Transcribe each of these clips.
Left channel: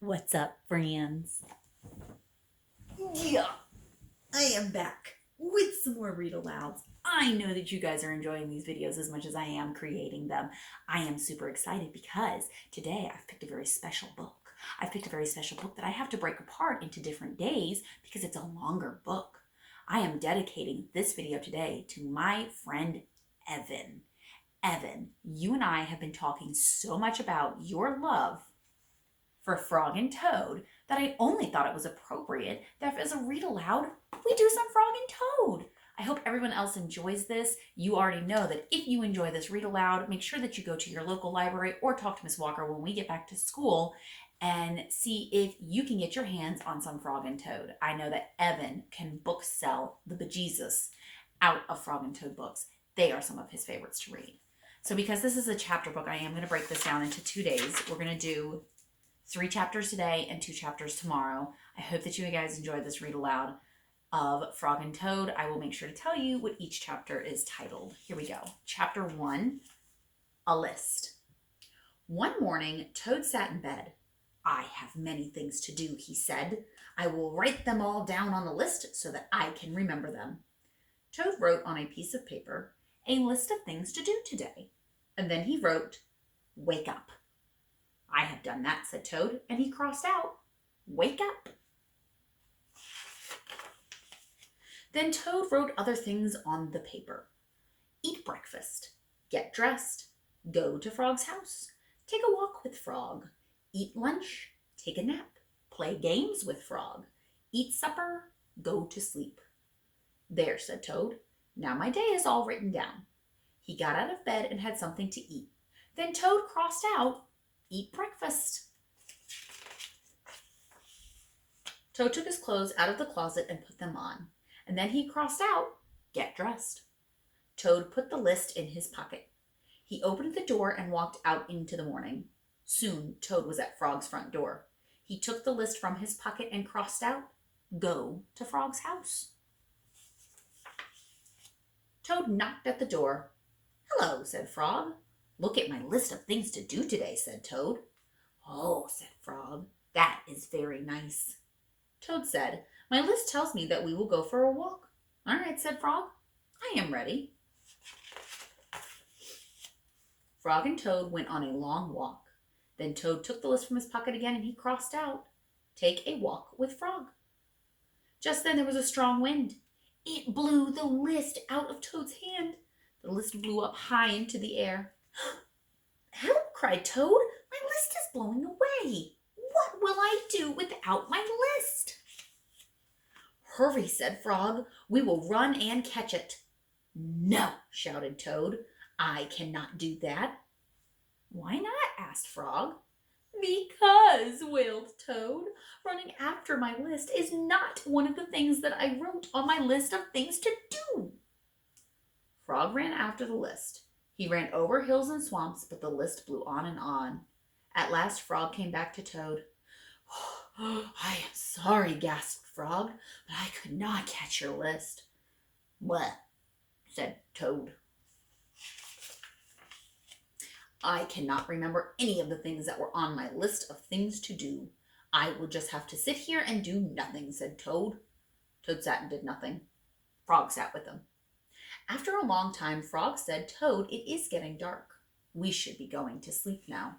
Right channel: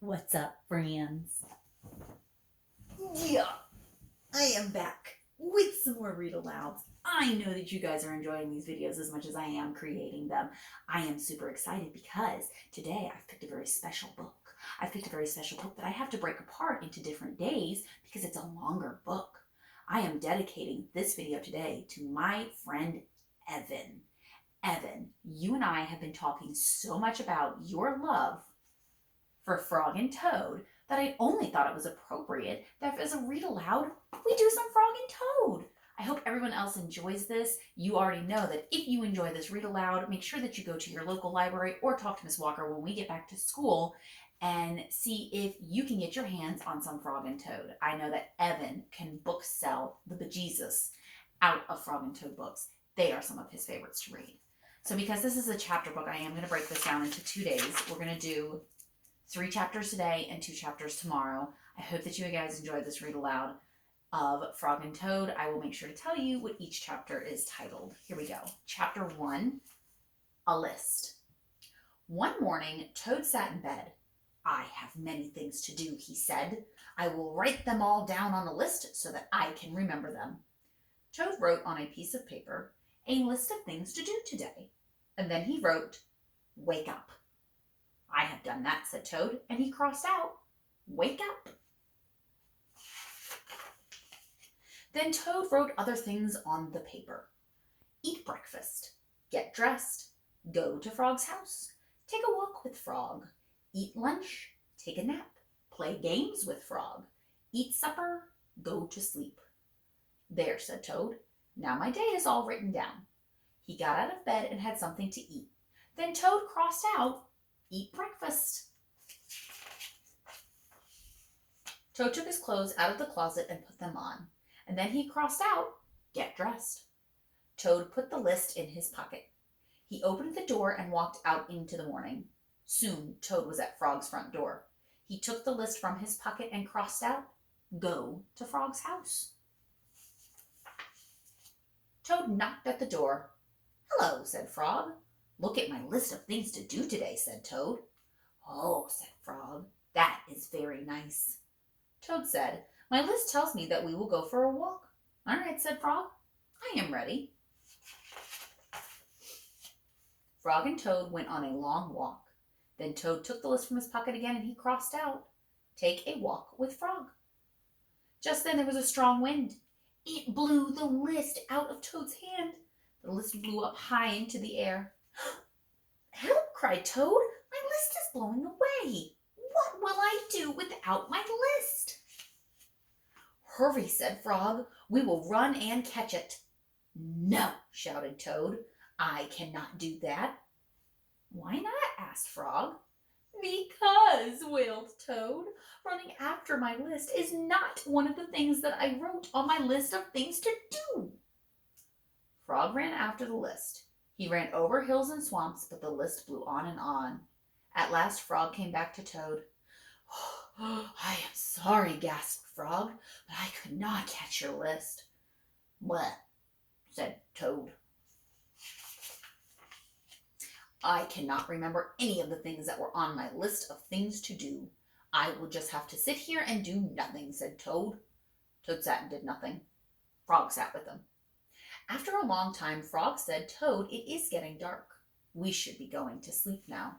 What's up, friends? Yeah, I am back with some more read alouds. I know that you guys are enjoying these videos as much as I am creating them. I am super excited because today I've picked a very special book. I've picked a very special book that I have to break apart into different days because it's a longer book. I am dedicating this video today to my friend Evan. Evan, you and I have been talking so much about your love for Frog and Toad that I only thought it was appropriate that as a read aloud, we do some Frog and Toad. I hope everyone else enjoys this. You already know that if you enjoy this read aloud, make sure that you go to your local library or talk to Miss Walker when we get back to school and see if you can get your hands on some Frog and Toad. I know that Evan can book sell the bejesus out of Frog and Toad books. They are some of his favorites to read. So because this is a chapter book, I am going to break this down into 2 days. We're going to do 3 chapters today and 2 chapters tomorrow. I hope that you guys enjoyed this read aloud of Frog and Toad. I will make sure to tell you what each chapter is titled. Here we go. Chapter 1, A List. One morning, Toad sat in bed. I have many things to do, he said. I will write them all down on a list so that I can remember them. Toad wrote on a piece of paper a list of things to do today. And then he wrote, wake up. I have done that, said Toad, and he crossed out, wake up. Then Toad wrote other things on the paper. Eat breakfast, get dressed, go to Frog's house, take a walk with Frog, eat lunch, take a nap, play games with Frog, eat supper, go to sleep. There, said Toad. Now my day is all written down. He got out of bed and had something to eat. Then Toad crossed out, eat breakfast. Toad took his clothes out of the closet and put them on. And then he crossed out, get dressed. Toad put the list in his pocket. He opened the door and walked out into the morning. Soon Toad was at Frog's front door. He took the list from his pocket and crossed out, go to Frog's house. Toad knocked at the door. Hello, said Frog. Look at my list of things to do today, said Toad. Oh, said Frog, that is very nice. Toad said, my list tells me that we will go for a walk. All right, said Frog, I am ready. Frog and Toad went on a long walk. Then Toad took the list from his pocket again and he crossed out, take a walk with Frog. Just then there was a strong wind. It blew the list out of Toad's hand. The list blew up high into the air. Help, cried Toad. My list is blowing away. What will I do without my list? Hurry, said Frog. We will run and catch it. No, shouted Toad. I cannot do that. Why not? Asked Frog. Because, wailed Toad, running after my list is not one of the things that I wrote on my list of things to do. Frog ran after the list. He ran over hills and swamps, but the list blew on and on. At last Frog came back to Toad. Oh, I am sorry, gasped Frog, but I could not catch your list. What? Said Toad. I cannot remember any of the things that were on my list of things to do. I will just have to sit here and do nothing, said Toad. Toad sat and did nothing. Frog sat with him. After a long time, Frog said, Toad, it is getting dark. We should be going to sleep now.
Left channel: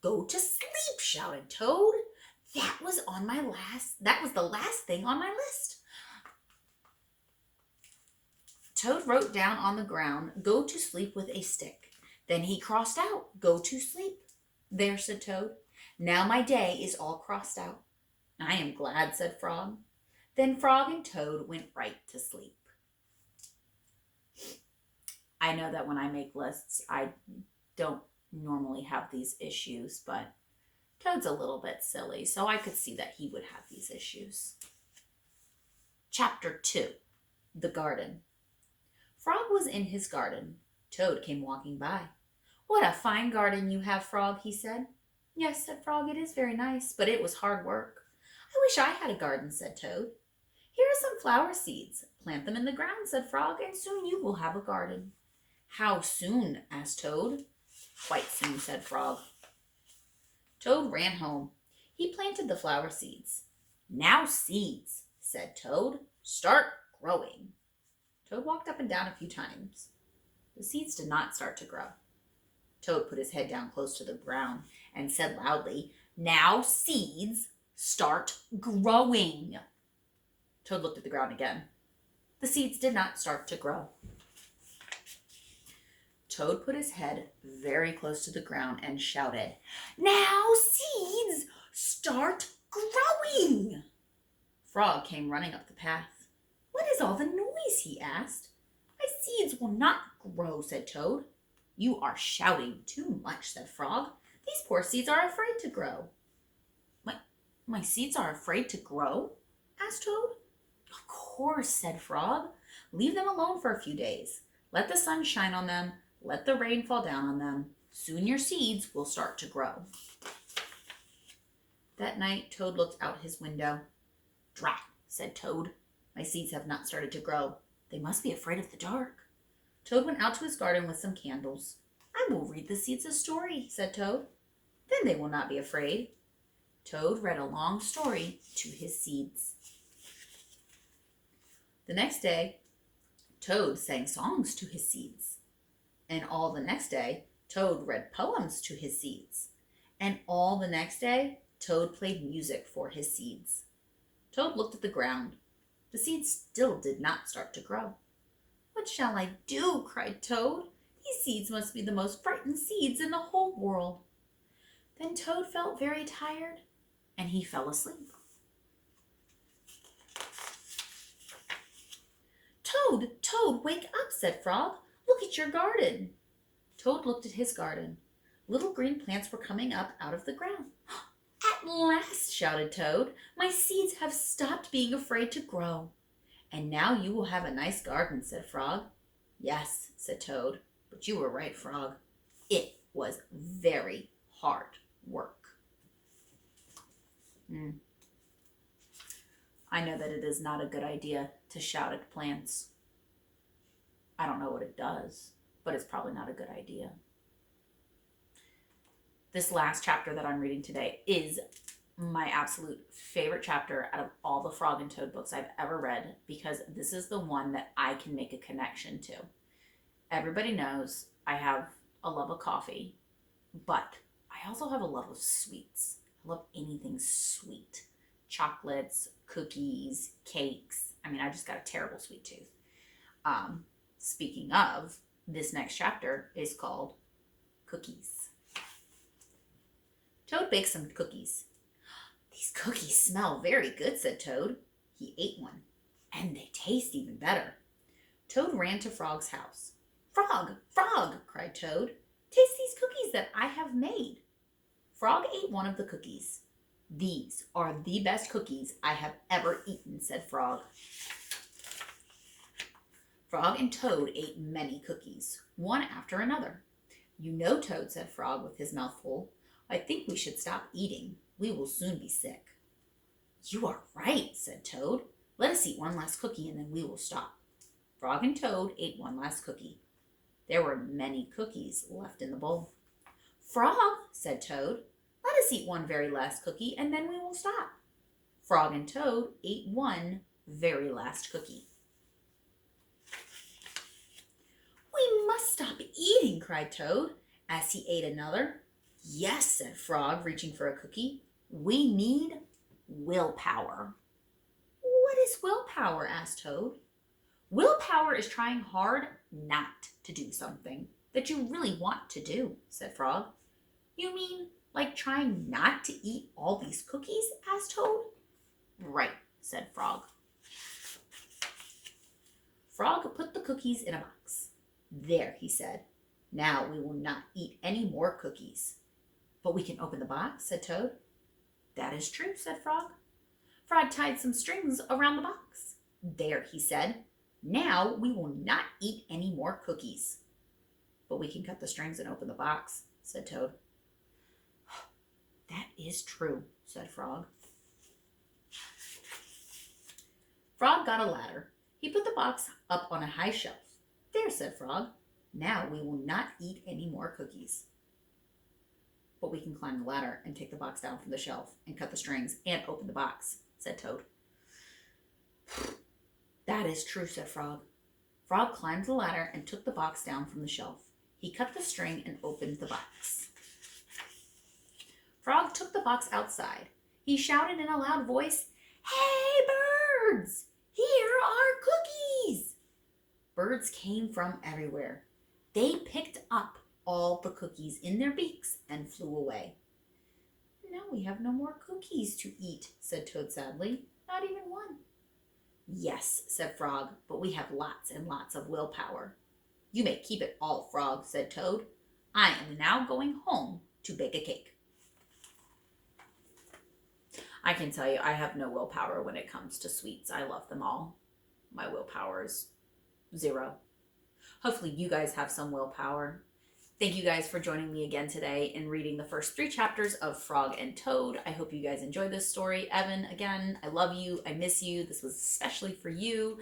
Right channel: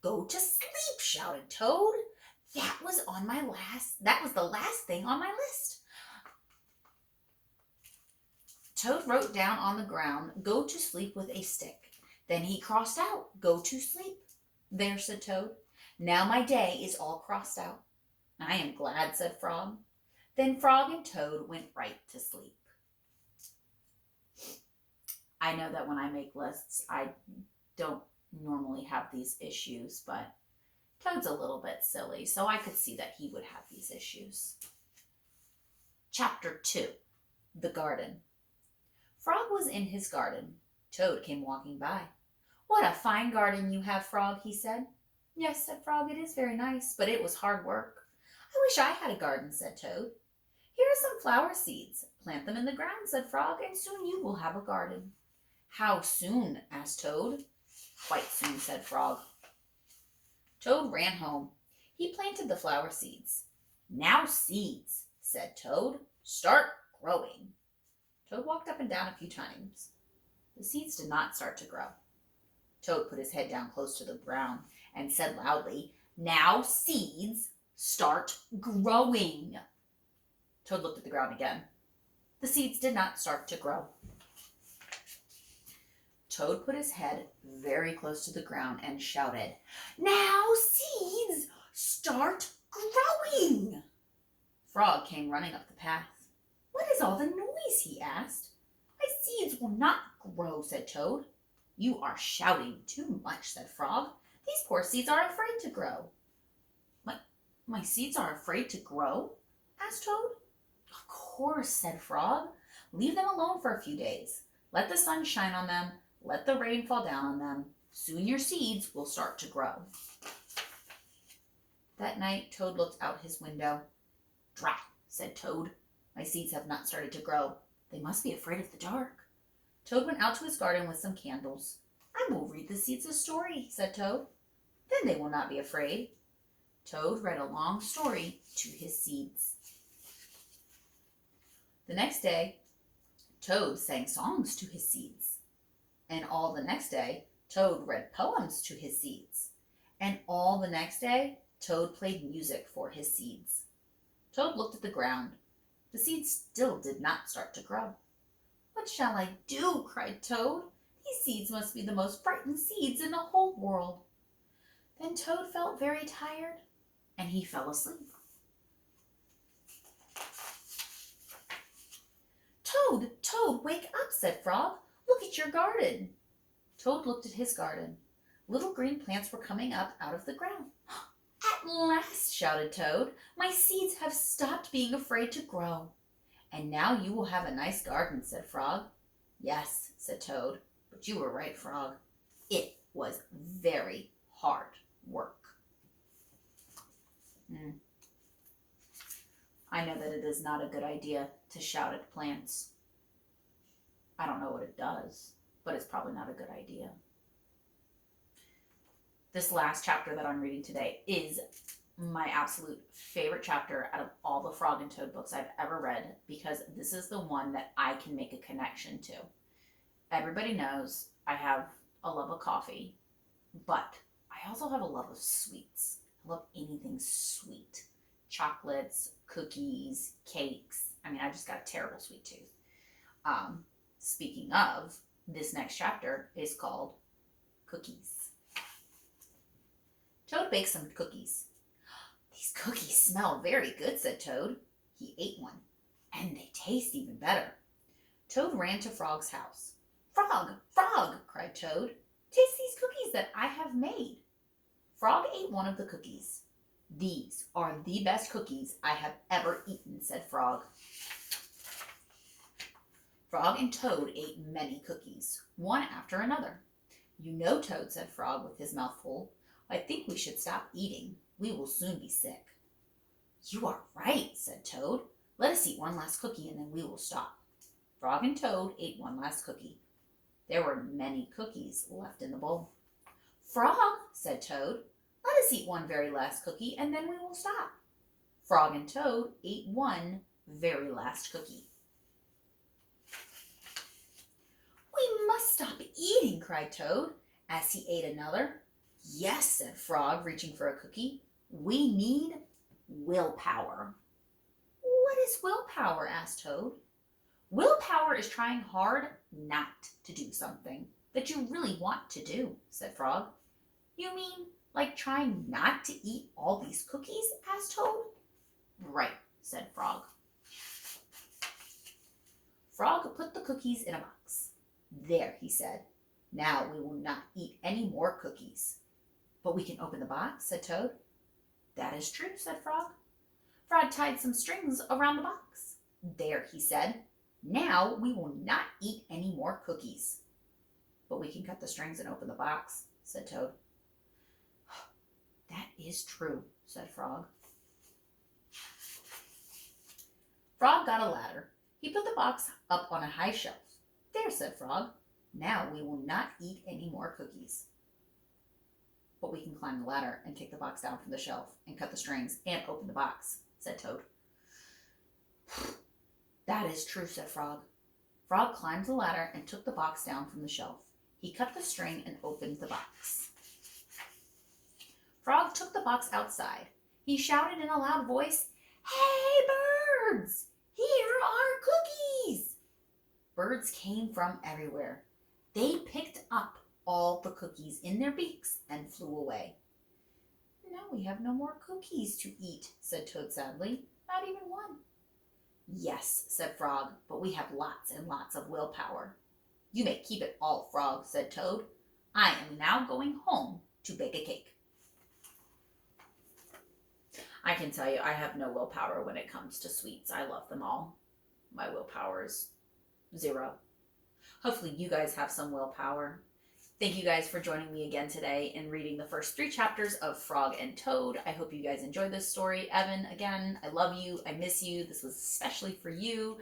Go to sleep, shouted Toad. That was the last thing on my list. Toad wrote down on the ground, go to sleep with a stick. Then he crossed out, go to sleep. There, said Toad. Now my day is all crossed out. I am glad, said Frog. Then Frog and Toad went right to sleep. I know that when I make lists, I don't normally have these issues, but Toad's a little bit silly, so I could see that he would have these issues. Chapter 2, The Garden. Frog was in his garden. Toad came walking by. What a fine garden you have, Frog, he said. Yes, said Frog, it is very nice, but it was hard work. I wish I had a garden, said Toad. Here are some flower seeds. Plant them in the ground, said Frog, and soon you will have a garden. How soon? Asked Toad. Quite soon, said Frog. Toad ran home. He planted the flower seeds. Now seeds, said Toad, start growing. Toad walked up and down a few times. The seeds did not start to grow. Toad put his head down close to the ground and said loudly, now seeds, start growing. Toad looked at the ground again. The seeds did not start to grow. Toad put his head very close to the ground and shouted, now seeds, start growing. Frog came running up the path. What is all the noise? He asked. My seeds will not grow, said Toad. You are shouting too much, said Frog. These poor seeds are afraid to grow. My seeds are afraid to grow? Asked Toad. Of course, said Frog. Leave them alone for a few days. Let the sun shine on them. Let the rain fall down on them. Soon your seeds will start to grow. That night, Toad looked out his window. Drat, said Toad. My seeds have not started to grow. They must be afraid of the dark. Toad went out to his garden with some candles. I will read the seeds a story, said Toad. Then they will not be afraid. Toad read a long story to his seeds. The next day, Toad sang songs to his seeds. And all the next day, Toad read poems to his seeds. And all the next day, Toad played music for his seeds. Toad looked at the ground. The seeds still did not start to grow. What shall I do? Cried Toad. These seeds must be the most frightened seeds in the whole world. Then Toad felt very tired, and he fell asleep. Toad, Toad, wake up, said Frog. Look at your garden. Toad looked at his garden. Little green plants were coming up out of the ground. At last, shouted Toad, my seeds have stopped being afraid to grow. And now you will have a nice garden, said Frog. Yes, said Toad, but you were right, Frog. It was very hard work. I know that it is not a good idea to shout at plants. I don't know what it does, but it's probably not a good idea. This last chapter that I'm reading today is my absolute favorite chapter out of all the Frog and Toad books I've ever read, because this is the one that I can make a connection to. Everybody knows I have a love of coffee, but I also have a love of sweets. I love anything sweet. Chocolates, cookies, cakes. I mean, I just got a terrible sweet tooth. Speaking of, this next chapter is called Cookies. Toad baked some cookies. These cookies smell very good, said Toad. He ate one, and they taste even better. Toad ran to Frog's house. Frog, Frog, cried Toad. Taste these cookies that I have made. Frog ate one of the cookies. These are the best cookies I have ever eaten, said Frog. Frog and Toad ate many cookies, one after another. You know, Toad, said Frog with his mouth full, I think we should stop eating. We will soon be sick. You are right, said Toad. Let us eat one last cookie and then we will stop. Frog and Toad ate one last cookie. There were many cookies left in the bowl. Frog, said Toad, let us eat one very last cookie and then we will stop. Frog and Toad ate one very last cookie. We must stop eating, cried Toad as he ate another. Yes, said Frog, reaching for a cookie. We need willpower. What is willpower? Asked Toad. Willpower is trying hard not to do something that you really want to do, said Frog. You mean like trying not to eat all these cookies? Asked Toad. Right, said Frog. Frog put the cookies in a box. There, he said. Now we will not eat any more cookies. But we can open the box, said Toad. That is true, said Frog. Frog tied some strings around the box. There, he said. Now we will not eat any more cookies. But we can cut the strings and open the box, said Toad. That is true, said Frog. Frog got a ladder. He put the box up on a high shelf. There, said Frog. Now we will not eat any more cookies. But we can climb climb the ladder and take the box down from the shelf and cut the strings and open the box, said Toad. That is true, said Frog. Frog climbed the ladder and took the box down from the shelf. He cut the string and opened the box. Frog took the box outside. He shouted in a loud voice, "Hey, birds! Here are cookies!" Birds came from everywhere. They picked up all the cookies in their beaks and flew away. "Now we have no more cookies to eat," said Toad sadly. "Not even one." "Yes," said Frog, "but we have lots and lots of willpower." "You may keep it all, Frog," said Toad. "I am now going home to bake a cake." I can tell you, I have no willpower when it comes to sweets. I love them all. My willpower is 0. Hopefully you guys have some willpower. Thank you guys for joining me again today in reading the first 3 chapters of Frog and Toad. I hope you guys enjoyed this story. Evan, again, I love you. I miss you. This was especially for you.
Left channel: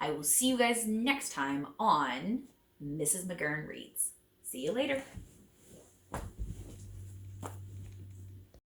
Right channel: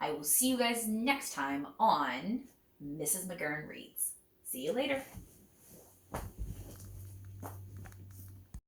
I will see you guys next time on Mrs. McGurn Reads. See you later.